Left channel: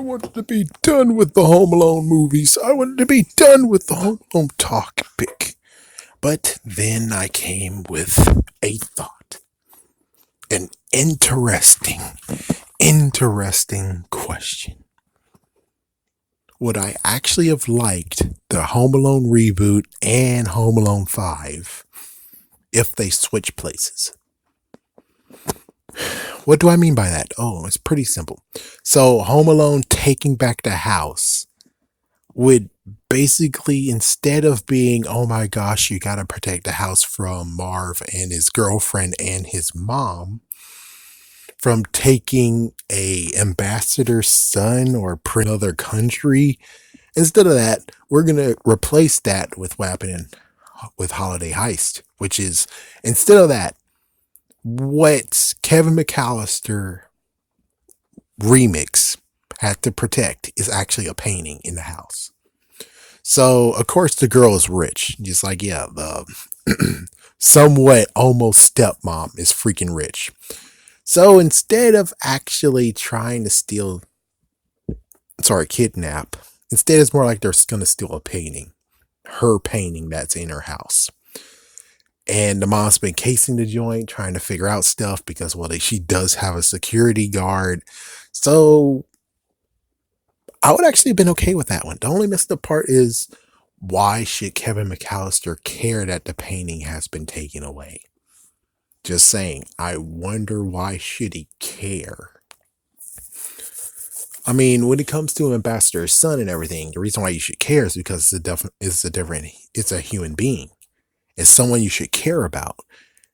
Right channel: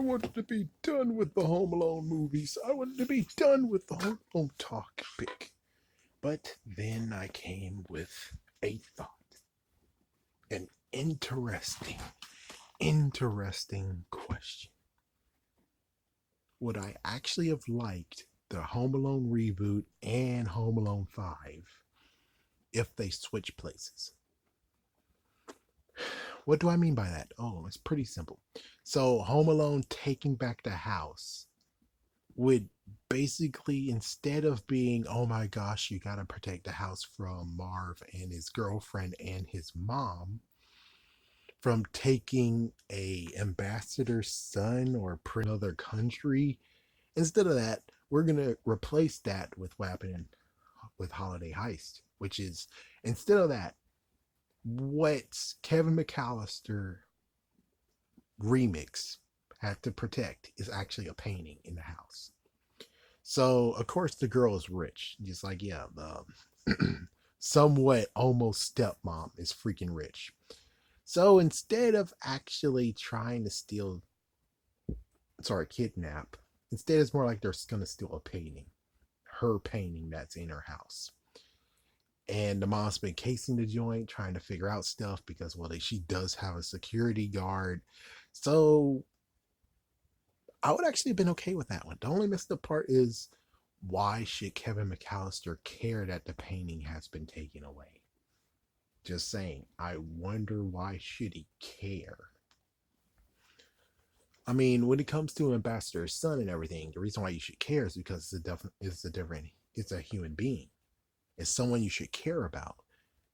wanted to be done with the Home Alone movies. I wanted to be done with the Home Alone topic. But then I came with a thought. An interesting question. Would I actually have liked the Home Alone reboot and Home Alone 5 if they switched places? What do I mean by that? Oh, it's pretty simple. So, Home Alone taking back the house would basically, instead of being, oh my gosh, you gotta protect the house from Marv and his girlfriend and his mom, from taking a ambassador's son or another country, instead of that, we're gonna replace that with what happened with Holiday Heist, which is, instead of that, what Kevin McAllister remix had to protect is actually a painting in the house. So, of course, the girl is rich. Just like, yeah, the somewhat almost stepmom is freaking rich. So, instead of actually trying to kidnap, instead it's more like they're going to steal a painting. Her painting that's in her house. And the mom's been casing the joint, trying to figure out stuff because, well, she does have a security guard. So, I would actually have been okay with that one. The only messed up part is, why should Kevin McAllister care that the painting has been taken away? Just saying, I wonder why should he care? I mean, when it comes to Ambassador's son and everything, the reason why you should care is because it's a human being. It's someone you should care about.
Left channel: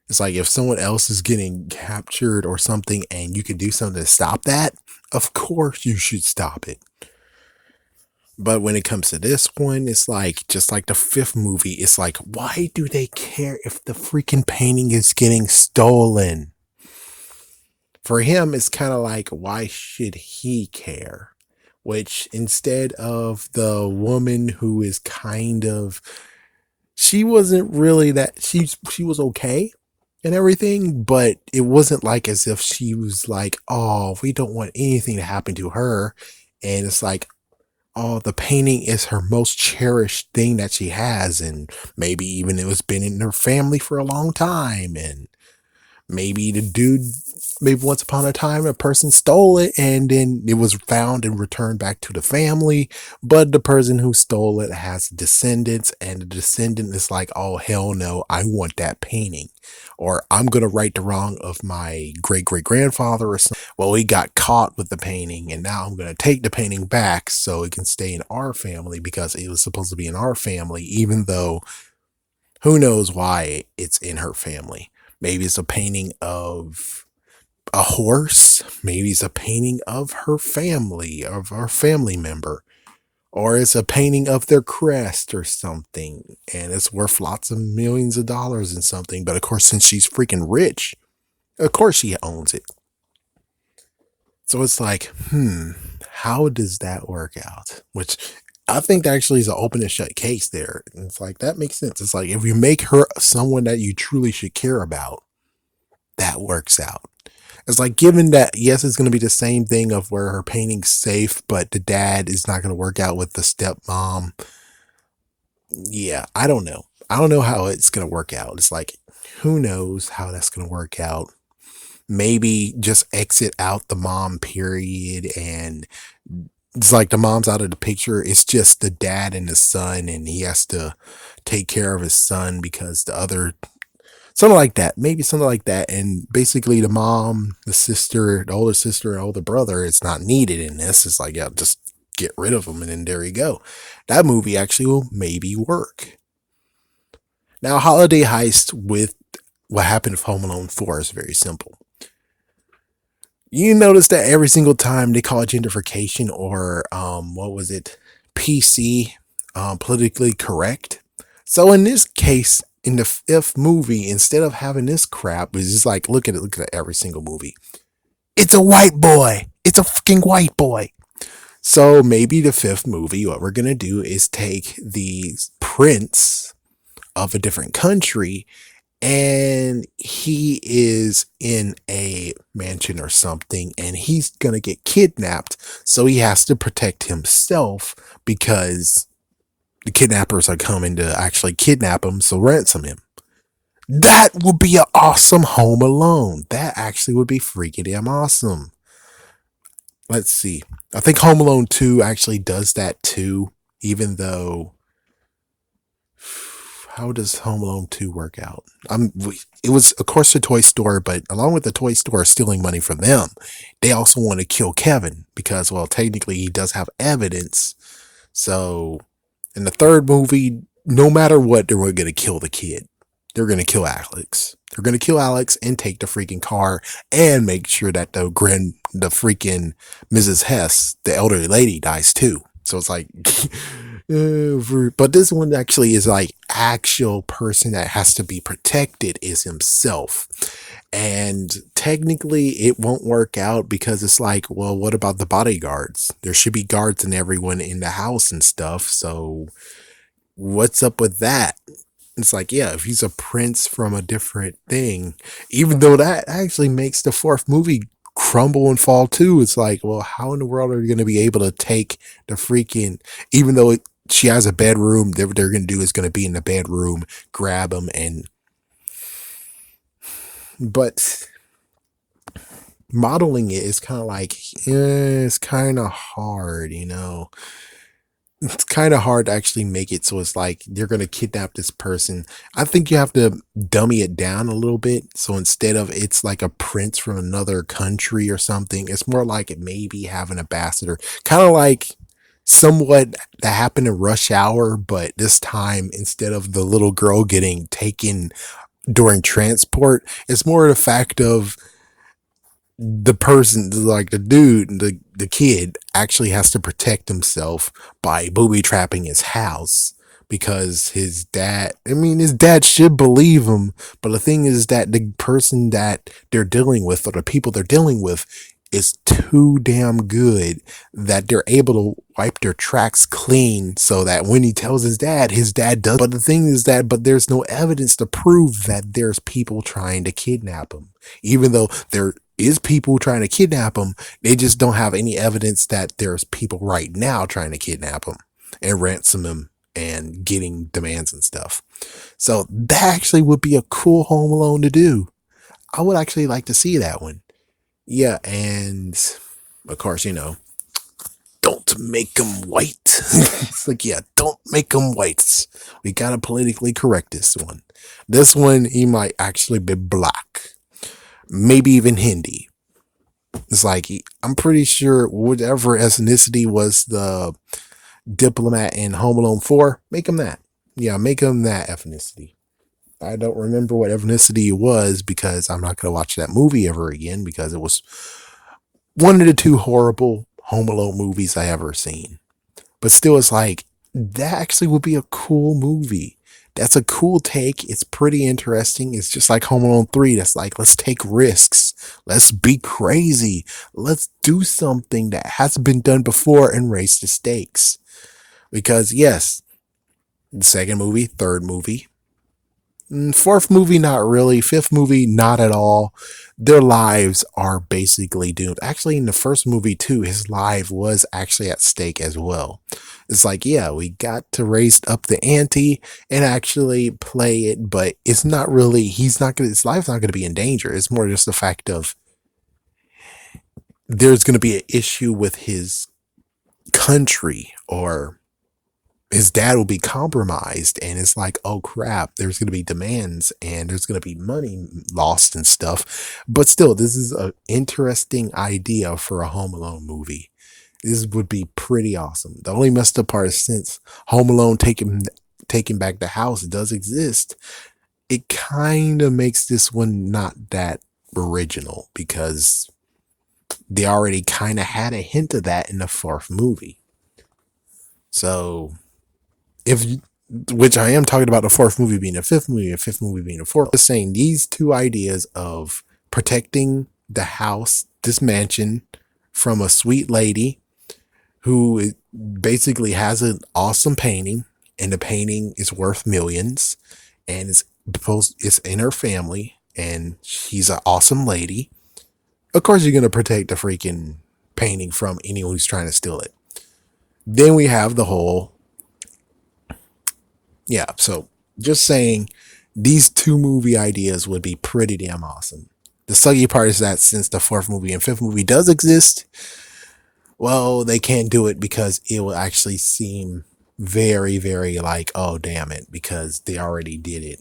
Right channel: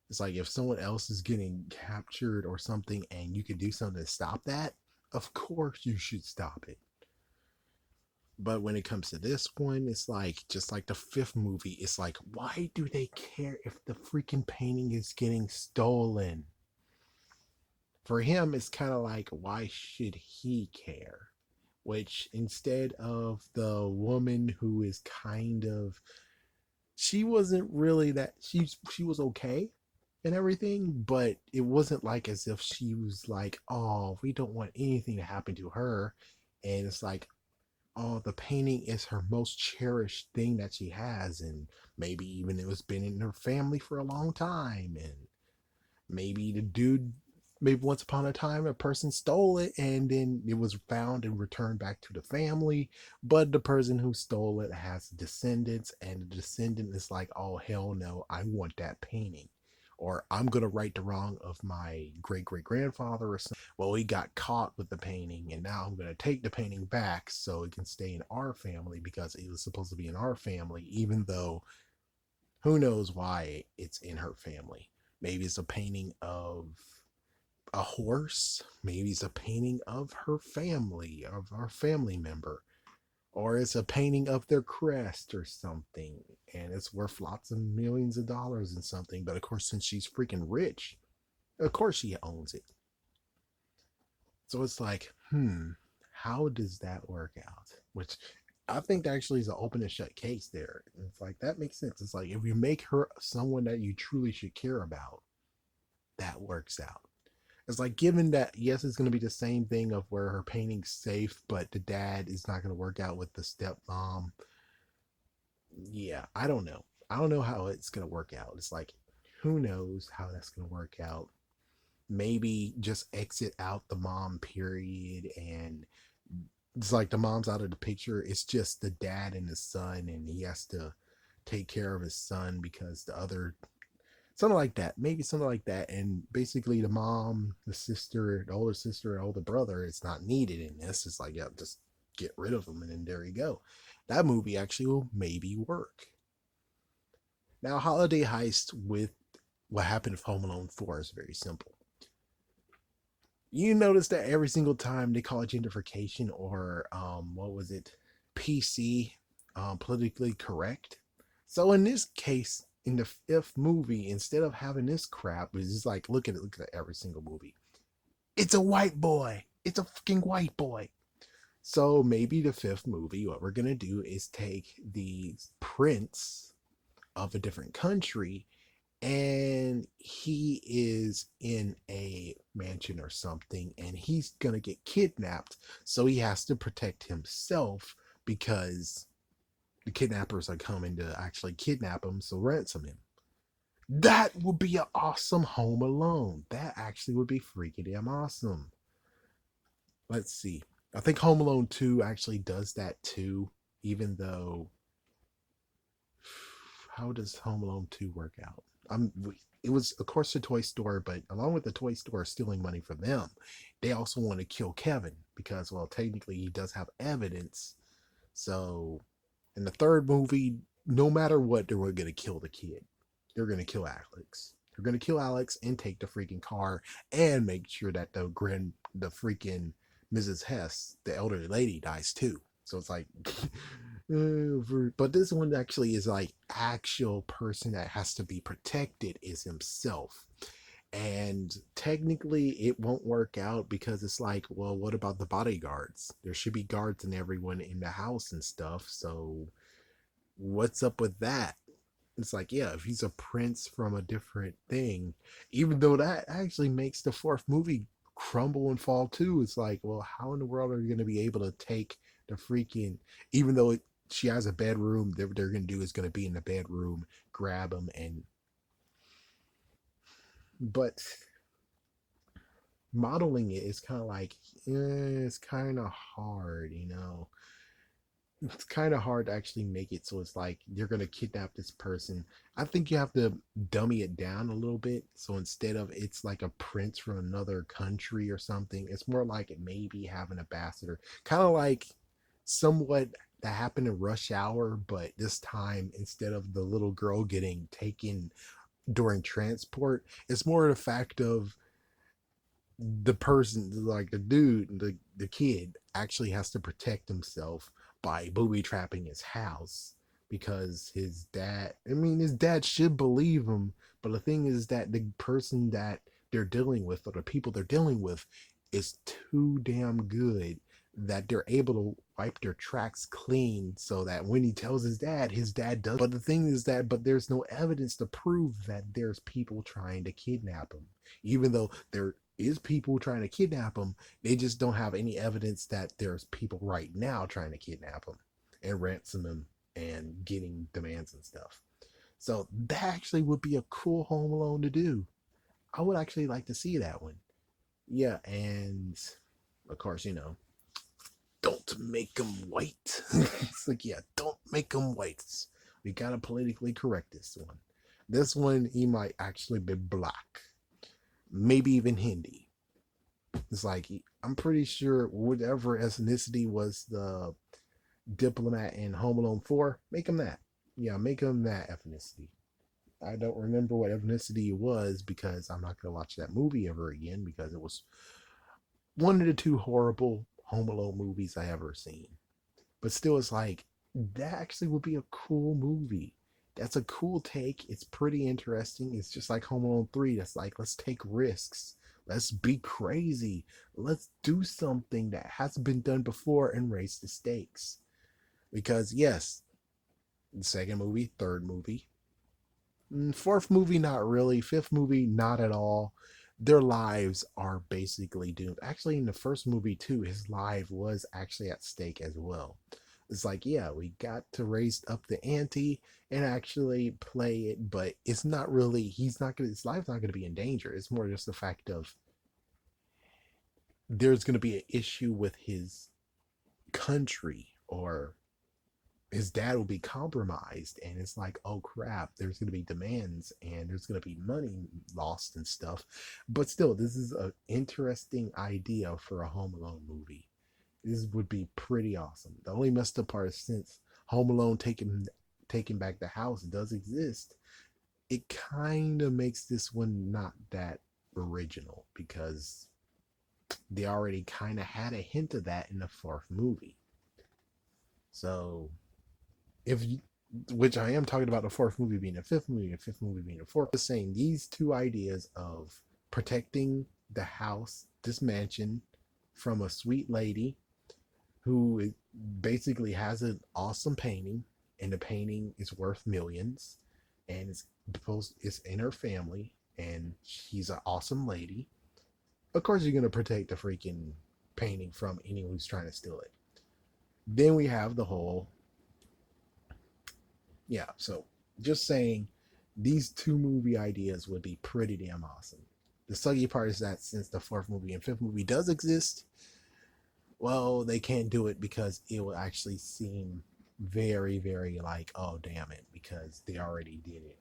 It's like if someone else is getting captured or something and you can do something to stop that, of course you should stop it. But when it comes to this one, it's like, just like the fifth movie, it's like, why do they care if the freaking painting is getting stolen? For him, it's kind of like, why should he care? Which, instead of the woman who is kind of, she wasn't really that, she was okay and everything, but it wasn't like as if she was like, oh, we don't want anything to happen to her. And it's like, oh, the painting is her most cherished thing that she has, and maybe even it was been in her family for a long time, and maybe the dude, maybe once upon a time a person stole it and then it was found and returned back to the family, but the person who stole it has descendants, and the descendant is like, oh hell no, I want that painting, or I'm gonna right the wrong of my great grandfather or something. Well, he got caught with the painting and now I'm gonna take the painting back so it can stay in our family because it was supposed to be in our family, even though who knows why it's in her family. Maybe it's a painting of a horse. Maybe it's a painting of her family, of our family member. Or it's a painting of their crest or something. And it's worth lots of millions of dollars and something. But of course, since she's freaking rich, of course she owns it. So it's like, how does that work out? Which I think that actually is an open and shut case there. And it's like, that makes sense. It's like, if you make her someone that you truly should care about, that works out. It's like, given that, yes, it's going to be the same thing of where her painting's safe, but the dad is not going to work out with the stepmom. Yeah, I don't know. I don't know how it's going to work out. It's like, who knows how that's going to work out. Maybe just exit out the mom period, and it's like the mom's out of the picture. It's just the dad and the son, and he has to take care of his son because the other, something like that, maybe something like that. And basically the mom, the sister, the older sister and older brother, it's not needed in this. It's like, yeah, just get rid of them and then there you go. That movie actually will maybe work. Now, Holiday Heist with what happened with Home Alone 4 is very simple. You notice that every single time they call it gentrification or what was it, PC, politically correct. So in this case, in the fifth movie, instead of having this crap, it's just like, look at every single movie. It's a white boy. It's a fucking white boy. So maybe the fifth movie, what we're gonna do is take the prince of a different country and he is in a mansion or something, and he's gonna get kidnapped, so he has to protect himself because the kidnappers are coming to actually kidnap him, so ransom him. That would be an awesome Home Alone. That actually would be freaking damn awesome. Let's see. I think Home Alone 2 actually does that too, even though how does Home Alone 2 work out? It was of course the toy store, but along with the toy store stealing money from them, they also want to kill Kevin because well technically he does have evidence. So in the third movie, no matter what, they were gonna kill the kid. They're gonna kill Alex. They're gonna kill Alex and take the freaking car and make sure that the freaking Mrs. Hess, the elderly lady, dies too. So it's like, but this one actually is like actual person that has to be protected is himself. And technically, it won't work out because it's like, well, what about the bodyguards? There should be guards and everyone in the house and stuff. So what's up with that? It's like, yeah, if he's a prince from a different thing, even though that actually makes the fourth movie crumble and fall too. It's like, well, how in the world are you going to be able to take the freaking, even though she has a bedroom, what they're going to do is going to be in the bedroom, grab him, and, but modeling it is kind of like, it's kind of hard, you know? It's kind of hard to actually make it so it's like they're going to kidnap this person. I think you have to dummy it down a little bit. So instead of it's like a prince from another country or something, it's more like it maybe have an ambassador, kind of like somewhat that happened in Rush Hour, but this time instead of the little girl getting taken during transport, it's more the fact of the person, like the dude, the kid, actually has to protect himself by booby trapping his house because his dad. I mean, his dad should believe him, but the thing is that the person that they're dealing with, or the people they're dealing with, is too damn good that they're able to wipe their tracks clean so that when he tells his dad does. But the thing is that, but there's no evidence to prove that there's people trying to kidnap him, even though there is people trying to kidnap him. They just don't have any evidence that there's people right now trying to kidnap him and ransom him and getting demands and stuff. So that actually would be a cool Home Alone to do. I would actually like to see that one. Yeah, and of course, don't make them white. It's like, yeah, don't make them whites. We gotta politically correct this one. This one, he might actually be black, maybe even Hindi. It's like, I'm pretty sure whatever ethnicity was the diplomat in Home Alone 4, make him that. Yeah, make him that ethnicity. I don't remember what ethnicity it was because I'm not going to watch that movie ever again because it was one of the two horrible Home Alone movies I ever seen. But still, it's like, that actually would be a cool movie. That's a cool take. It's pretty interesting. It's just like Home Alone 3. That's like, let's take risks. Let's be crazy. Let's do something that hasn't been done before and raise the stakes. Because, yes, the second movie, third movie, fourth movie, not really. Fifth movie, not at all. Their lives are basically doomed. Actually, in the first movie, too, his life was actually at stake as well. It's like, yeah, we got to raise up the ante and actually play it, but it's not really, his life's not going to be in danger. It's more just the fact of there's going to be an issue with his country, or his dad will be compromised, and it's like, oh crap, there's going to be demands and there's going to be money lost and stuff. But still, this is an interesting idea for a Home Alone movie. This would be pretty awesome. The only messed up part is, since Home Alone taking back the house does exist, it kind of makes this one not that original because they already kind of had a hint of that in the fourth movie. So if you, which I am talking about the fourth movie being the fifth movie, the fifth movie being the fourth. Just saying, these two ideas of protecting the house, this mansion, from a sweet lady who basically has an awesome painting, and the painting is worth millions, and it's It's in her family, and she's an awesome lady. Of course, you're gonna protect the freaking painting from anyone who's trying to steal it. Then we have the whole, yeah. So just saying, these two movie ideas would be pretty damn awesome. The sucky part is that since the fourth movie and fifth movie does exist, well, they can't do it because it will actually seem very, very like, oh, damn it, because they already did it.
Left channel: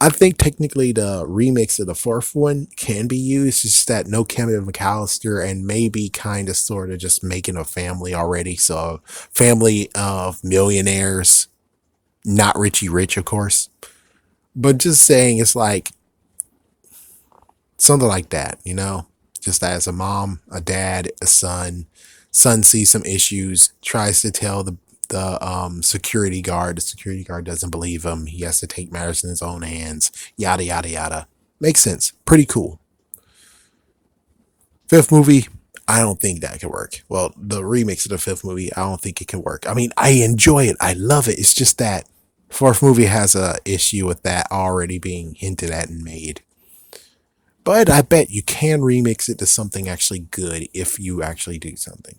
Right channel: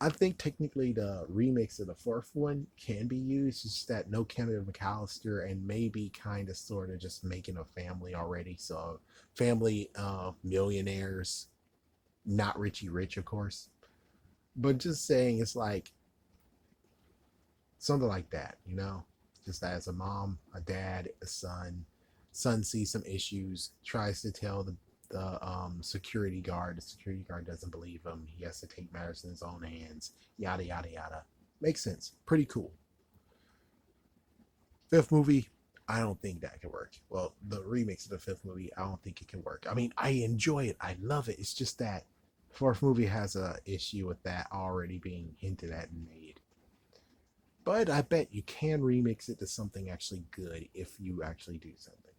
I think technically the remix of the fourth one can be used. It's just that no Kevin McAllister and maybe kind of sort of just making a family already. So, family of millionaires, not Richie Rich, of course. But just saying, it's like something like that, you know? Just as a mom, a dad, a son. Son sees some issues, tries to tell the security guard. The security guard doesn't believe him. He has to take matters in his own hands. Yada yada yada. Makes sense. Pretty cool. Fifth movie, I don't think that can work. Well, the remix of the fifth movie, I don't think it can work. I mean, I enjoy it. I love it. It's just that fourth movie has a issue with that already being hinted at and made. But I bet you can remix it to something actually good if you actually do something.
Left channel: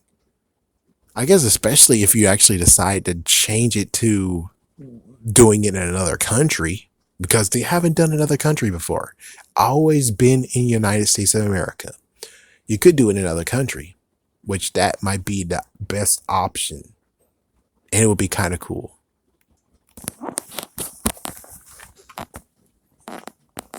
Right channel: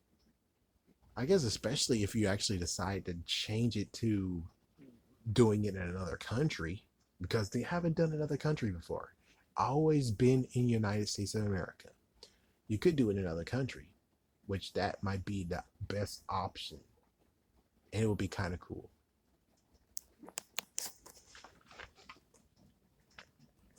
I guess especially if you actually decide to change it to doing it in another country, because they haven't done another country before. Always been in United States of America. You could do it in another country, which that might be the best option. And it would be kind of cool.